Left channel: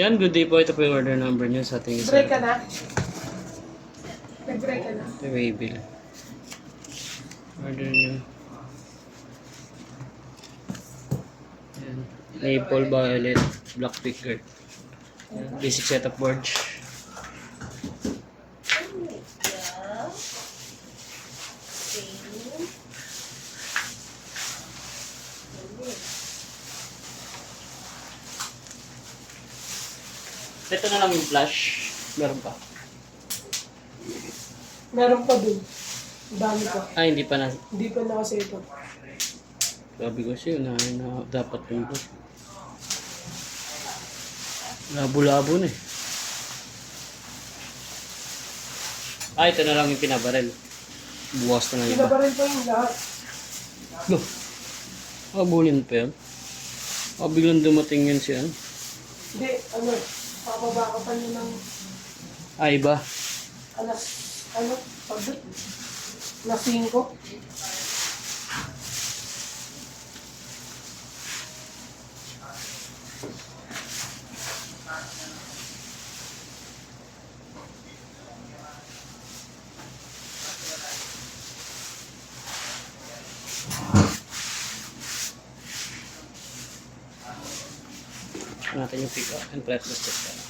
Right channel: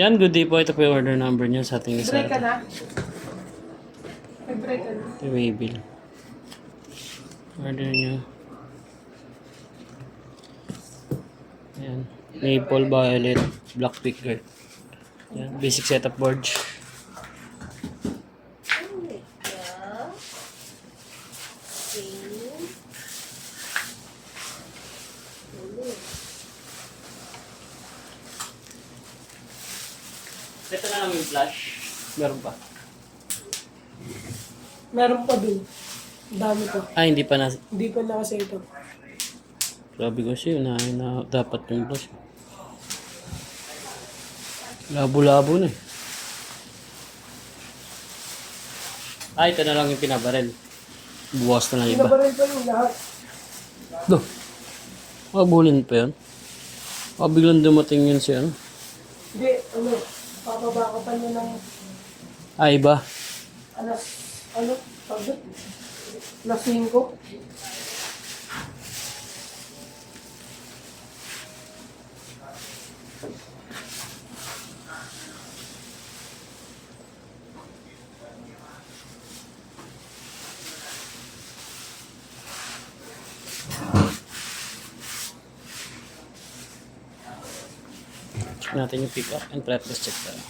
Yan, good day po. Ito po yung order number niya sa ating isa. Break ka na? Nag-break ka na? Ito yung waybill. Order niya. Yan. Maple, violet, black picker. Yan. Basic setup board. Ito na lang yung flash. Meron pa. Meron pa dun. Dami ko. Ay, hindi pa na. Hindi pa na kasi ito. Sabi ko siya na dapat yung flash. Labo-labo na eh. Ah, ito na lang yung pinabarel. Buwas na lang iba. Pinabaril pa yung lahat. Go. Abulin pa yun. Biglang dumating yun si ano. Hindi, papaba ka pa niya ng Ah, iba. pagdut? Alas 5. Check natin yung pick up and practice check tayo.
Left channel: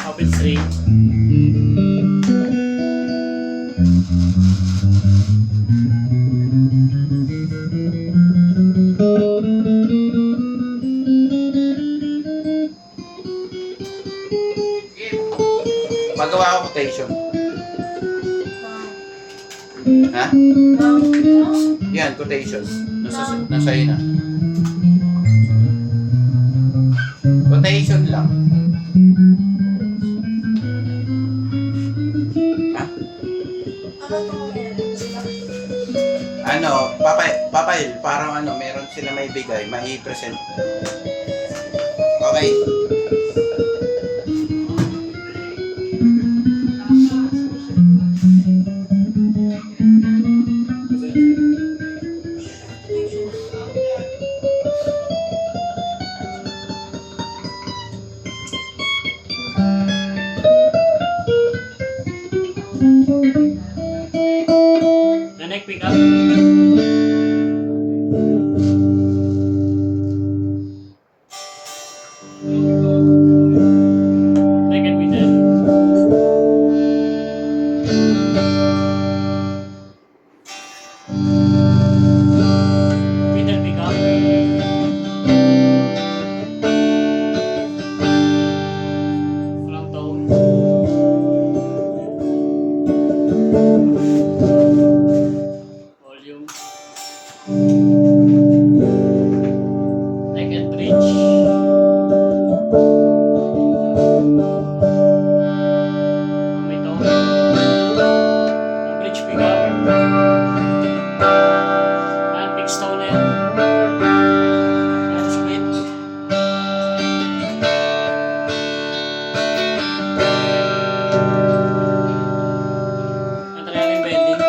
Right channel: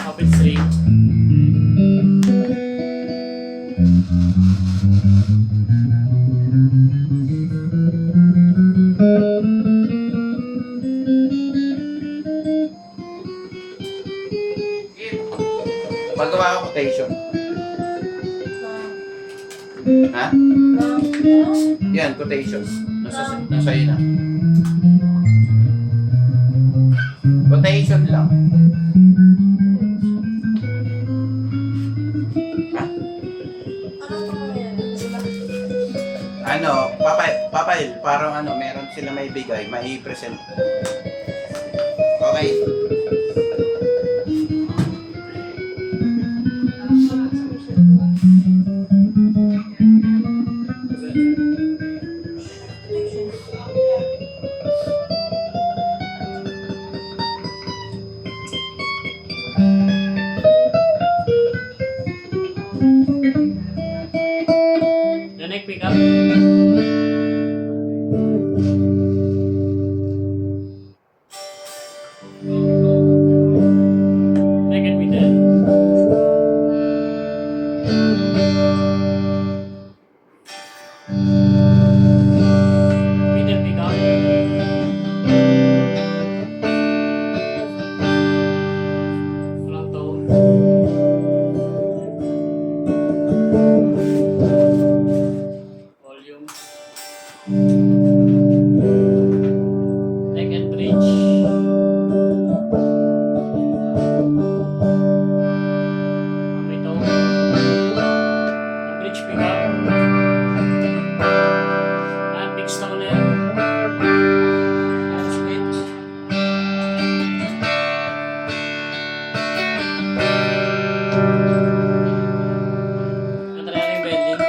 Habit 3. Magawa ako quotation. Ha? Yan, quotation. Nasa iyo na. Quotation lang. Ha? Papail, parang meron sila may bigay, mai-present. Okay. The next pick up. Second pick Middle pick up. Front toe. Volume. Neck and bridge. Kumito. Bridge pick up. And big stone yan. And split. Ito na yung bending.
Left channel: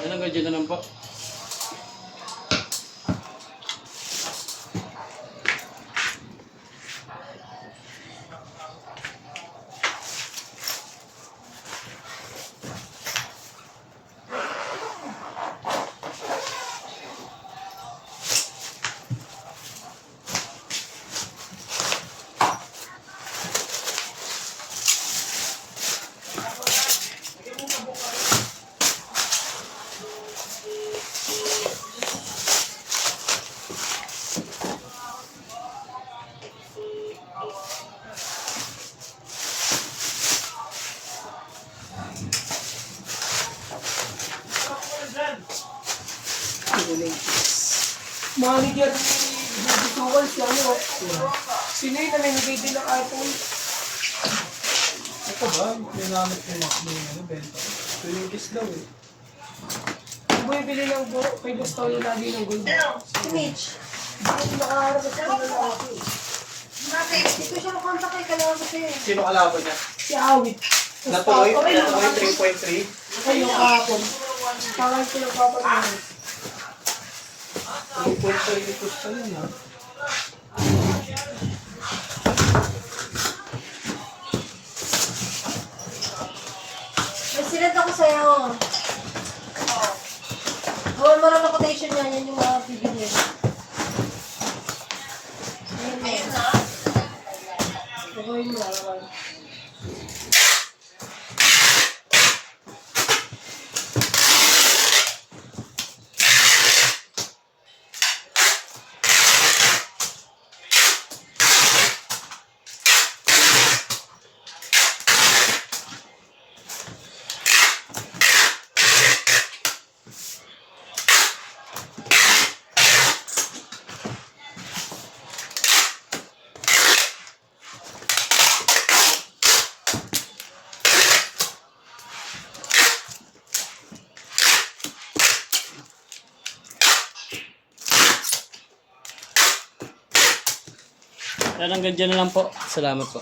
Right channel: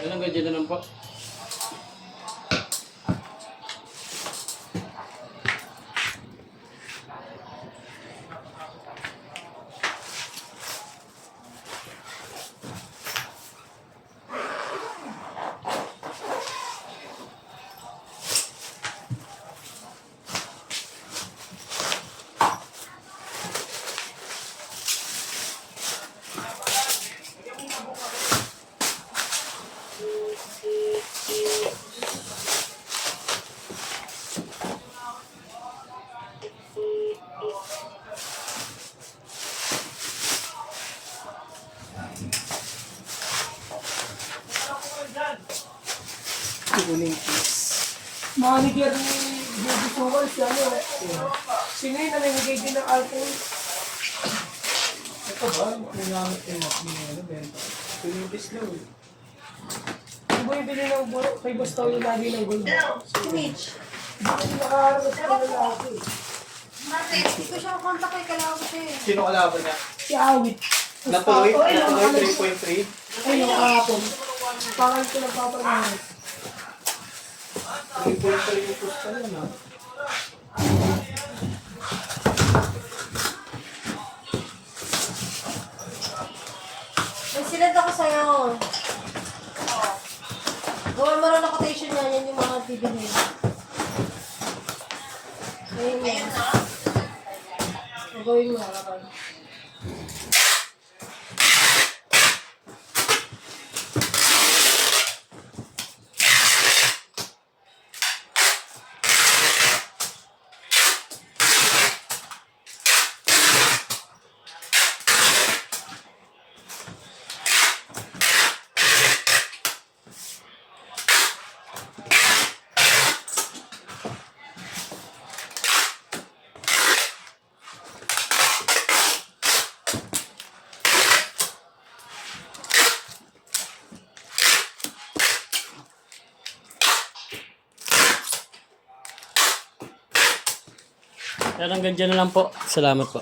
Yan ang gadget naman po. Manager ni Bobby Tuwal, si Sino yun namimigay din ng iPhone? ka ba? Nangamit ko yung ano, benta. Pinigis daw eh. Kung bumibili ng buro, kay gusto yung lagi ng gold. Si Mitch. Hindi nakaharap sa lalaki. Bakit? Hindi ko siya nakontak eh. Kailangan ko siya eh. Sino kalaban niya? Si Awit. Natuloy? Oh, ayun, Natuloy nakalis. 3.3? Ay, yung kahapon. Parang ko nagpapalingan. 3.3 yung pusta yun ah. May sinad ako sa'yo. Gawin mo rin ang quotation niya. Yan yung mga video niya. Ayun yan. Gawin mo lang. Yan hanggang dyan na lang po. Salamat po.